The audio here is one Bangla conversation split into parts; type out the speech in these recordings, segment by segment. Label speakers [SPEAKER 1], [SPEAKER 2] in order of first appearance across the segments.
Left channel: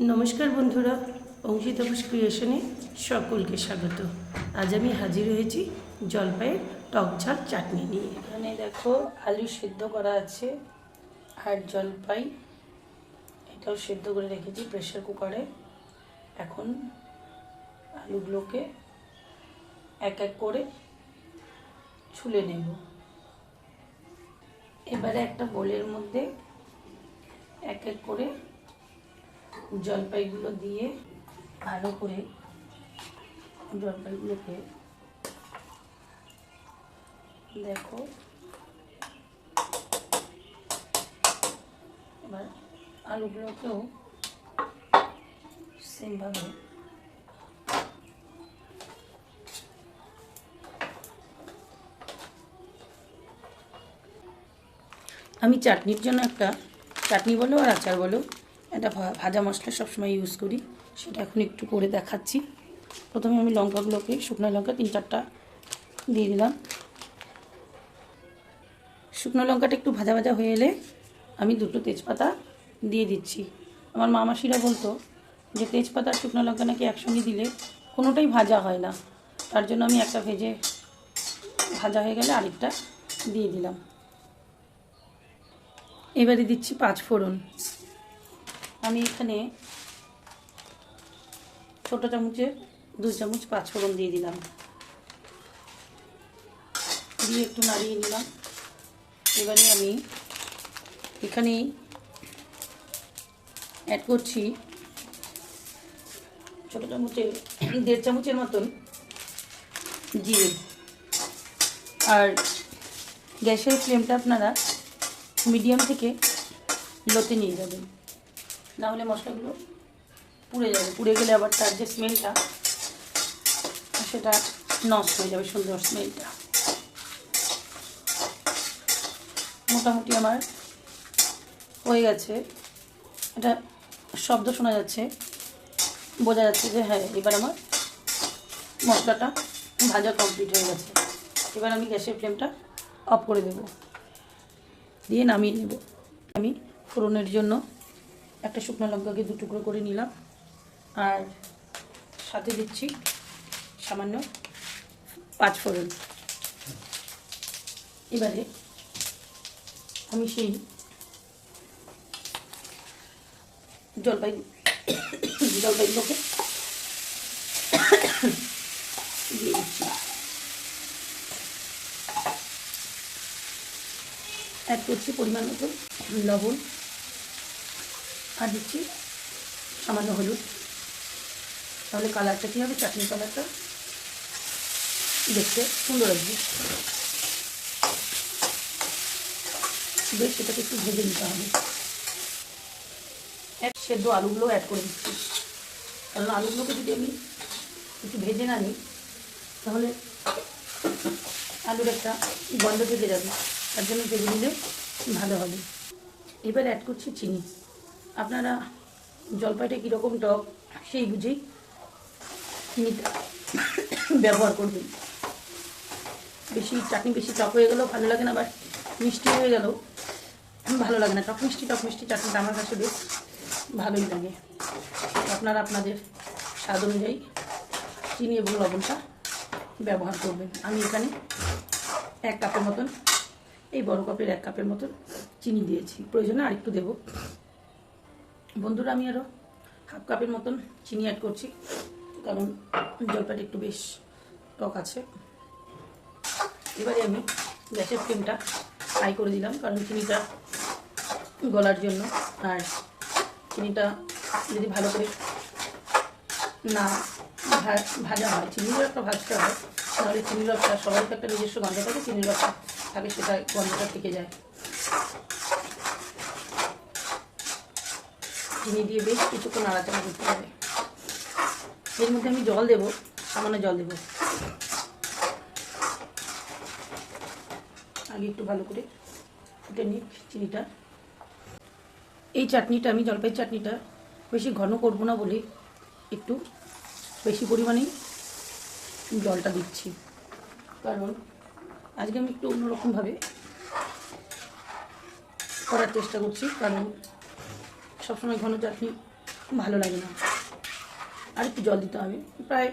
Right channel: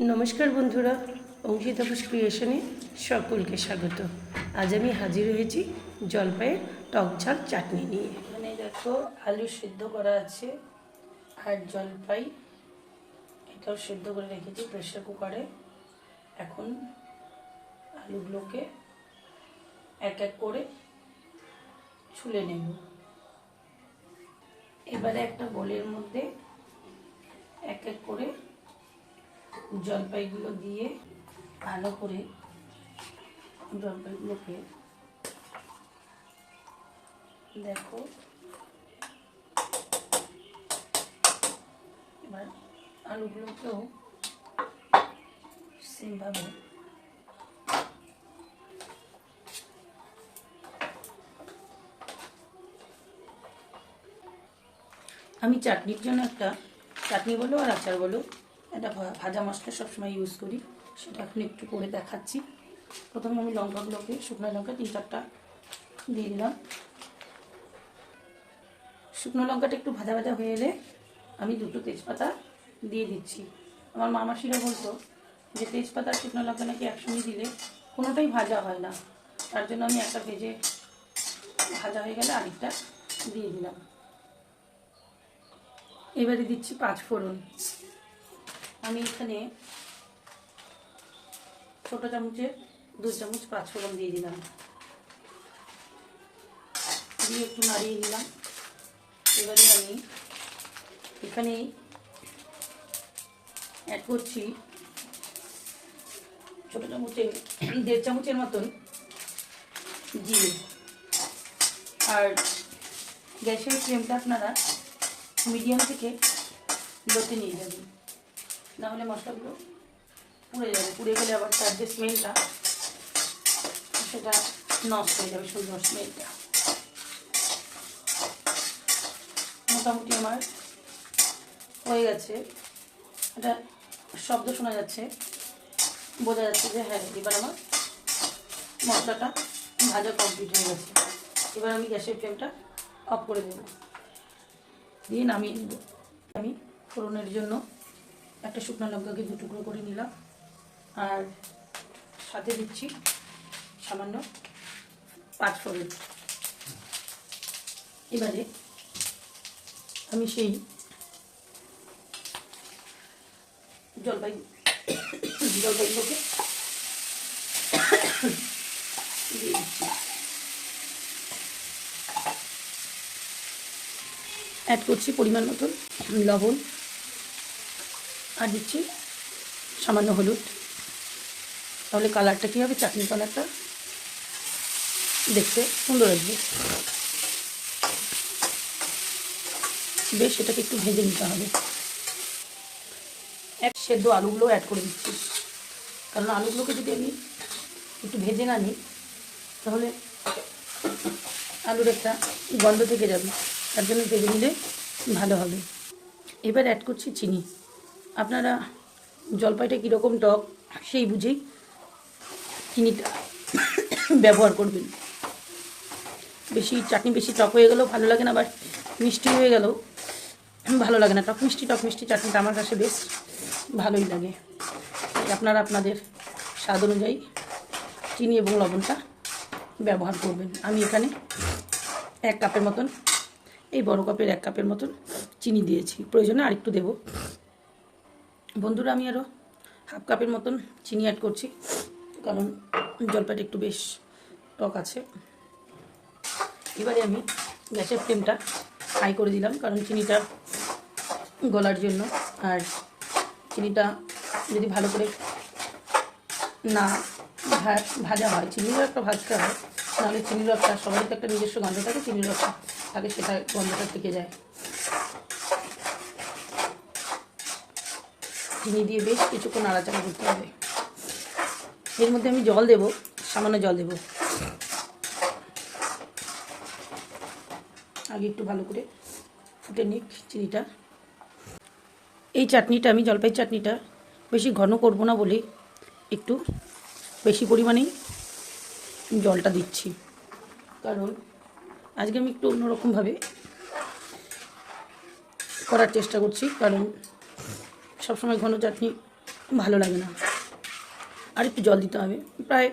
[SPEAKER 1] নমস্কার বন্ধুরা, অঙ্কিতা ক্রিয়েশনে সকলকে স্বাগত। আজ আমি হাজির হয়েছি জলপাইয়ের টক ঝাল চাটনি নিয়ে। এখানে দেখো, আলু সিদ্ধ করা আছে আর জলপাই। এটাও সিদ্ধ করে রেখেছি প্রেশার কুকারে। এখন আলুগুলোকে এক এক করে ছুলে নেব। এবারে একটা বোলের মধ্যে এক এক করে জলপাইগুলো দিয়ে ভালো করে জলপাইগুলোকে দেখো। এবার আলুগুলোকেও সেমভাবে আমি চাটনির জন্য একটা, চাটনি বলো আর আচার বলো একটা ভা- ভাজা মশলা সবসময় ইউজ করি। সেটা এখন একটু করে দেখাচ্ছি। প্রথমে আমি লঙ্কাগুলোকে, শুকনো লঙ্কা তিন চারটা দিয়ে দিলাম। শুকনো লঙ্কাটা একটু ভাজা ভাজা হয়ে এলে আমি দুটো তেজপাতা দিয়ে দিচ্ছি। আমার মামাসিরা বলতো যে, তেজপাতা আর শুকনো লঙ্কা নাকি একসঙ্গে দিলে কোনোটাই ভাজা হয় না। তার জন্য আমি একটা ভেজে ভাজা হয়ে গেলে আরেকটা দিয়ে দিলাম। এবারে দিচ্ছি পাঁচ ফোড়ন। আমি এখানে ছোটো চামচের দু চামচ পাঁচ ফোড়ন দিয়ে দিলাম। দিয়ে একটু নাড়িয়ে নিলাম। এবারে আমি এখানে অ্যাড করছি ছোটো চামচের, দেড় চামচের মতন জিরে। আর গ্যাসের ফ্লেমটা আপনারা মিডিয়াম থেকে লোতে নিয়ে যাবেন। না হলে মশলাগুলো পুড়ে যাবে। পুড়ে গেলে আবার তার যে স্মেলটা সেটা নষ্ট হয়ে যাবে সুন্দর স্মেলটা মোটামুটি আমার হয়ে গেছে। এটা শব্দ শোনা যাচ্ছে। বোঝা যাচ্ছে যে হ্যাঁ এবার আমার মশলাটা ভাজা কমপ্লিট হয়ে গেছে। এবার আমি গ্যাসের ফ্লেমটা অফ করে দেবো। দিয়ে নামিয়ে নেব। আমি ফোড়নের জন্য একটা শুকনো লঙ্কাকে দু টুকরো করে নিলাম। আর সাথে দিচ্ছি সামান্য পাঁচ ফোড়ন। এবারে আমি সেই জলপাই জলপাইগুলোকে দিয়ে অ্যাড করছি পরিমাণ মতো লবণ। আর দিচ্ছি সামান্য হলুদ। তাহলে কালারটা কী হবে? চাটনি কালারটা। দেখতে সুন্দর আসবে বেশ, এটাকে একটু ভেজে নিতে হবে। এক সেদ্ধ আলুগুলো অ্যাড করে দিচ্ছি। কারণ আলুগুলোকে যদি আমি একটু ভেজে না নিই, তাহলে আলুর একটা গন্ধ থেকে যাবে। তার জন্য ভেজে নিলে ভালো হবে। এবার অ্যাড করছি চিনি। আপনারা জলপাইটা কীরকম টক, সেই বুঝেই চিনিটা ব্যবহার করবেন। বেশি, চাটনি বেশি টক হয়ে গেলেও ভালো লাগে না, আবার মিষ্টি হয়ে গেলেও ভালো লাগে না। টক মিষ্টি টক মিষ্টি চাটনিটা আমার কাছে বেশ ভালোই লাগে। আপনারা আপনাদের স্বাদ অনুযায়ী চিনি এবং লবণটা ব্যবহার করবেন। আমি এখানে এক কাপের মতন, এই বড় কাপের এক কাপের মতন চিনি দিয়েছি। প্রয়োজনে আরেকটু দেবো। বন্ধুরা, আমি আরও হাফ কাপের মতন চিনি অ্যাড করছি, কারণ জলপাইটা একটু বেশ টক আছে। এবারে আমি গ্যাসের ফ্লেমটা হাই করে দিলাম, কারণ চিনিটা গলার জন্য। আর চিনিটা যদি ভালো করে না ভাজা হয়, চিনির রসটা ভাজতে হয় নাহলে চিনির রসটা সবাই তো একটা নিজস্ব গন্ধ থাকে, চিনির রসটা থাকে, সেটা গন্ধটা থেকে যায়। চিনি দিয়ে বেশ কিছুক্ষণ নাড়াচাড়া করতে হবে। এর মধ্যে আমি জল দেবো, সামান্য জল দেবো। আগে একটু ভালো করে ফুটে নিক চিনিটা। এই চাটনিটা, আমি জলপাই চাটনিটা বেশি ঘন করব না বলে একটু বেশি পরিমাণেই জলটা দিচ্ছি। কারণ আজকে আমি একটু অন্যরকমভাবে করার চেষ্টা করছি, কারণ সবসময় ঘন চাটনি ভালো লাগে না। আর একটু জল দিতে হবে। প্রায়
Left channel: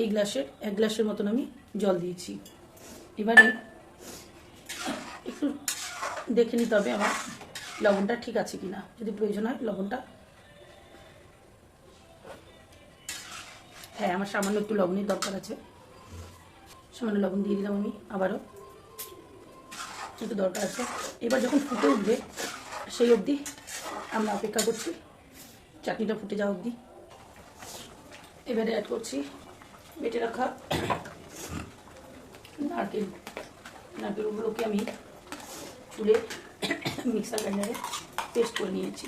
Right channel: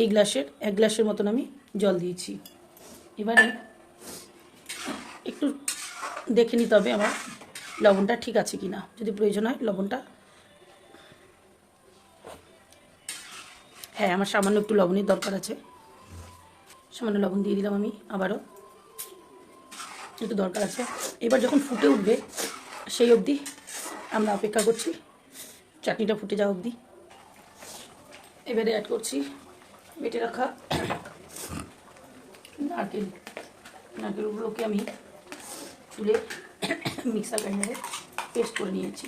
[SPEAKER 1] এই গ্লাসের, এক গ্লাসের মতন আমি জল দিয়েছি। এবারে একটু দেখে নিতে হবে আমার লবণটা ঠিক আছে কি না যদি প্রয়োজন হয় লবণটা। হ্যাঁ আমার সামান্য একটু লবণের দরকার আছে। সামান্য লবণ দিয়ে দিলাম আমি আবারও। একটু দরকার আছে। এবার যখন ফুটে উঠবে, সেই অবধি আমরা অপেক্ষা করছি। চাটনিটা ফুটে যাওয়া অবধি। এবারে অ্যাড করছি বেটে রাখা নারকেল। নারকেলগুলোকে আমি তুলে মিক্সার গ্রাইন্ডারে পেস্ট করে নিয়েছি।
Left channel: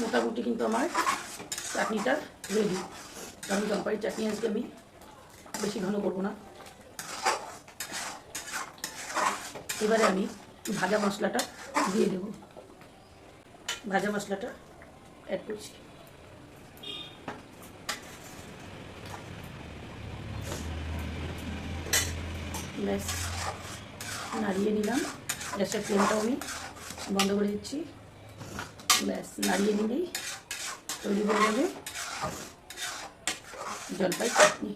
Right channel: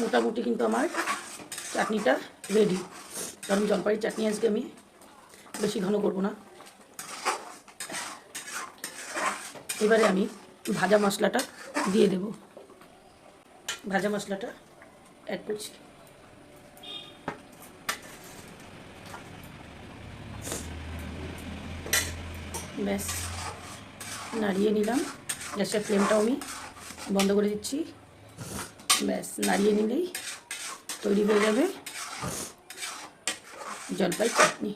[SPEAKER 1] মোটামুটি কিন্তু আমার চাটনিটা রেডি কারণ জলপাইয়ের চাটনি আজকে আমি বেশি ঘন করব না। এবারে আমি ভাজা মশলাটা দিয়ে দেব। ভাজা মশলাটা অ্যাড করছি। ব্যাস, নাড়িয়ে নিলাম। গ্যাসের ফ্লেমটাও আমি বন্ধ করে দিচ্ছি। ব্যাস, নাড়িয়ে নিলেই তৈরি হয়ে যাবে। জলপাই চাটনি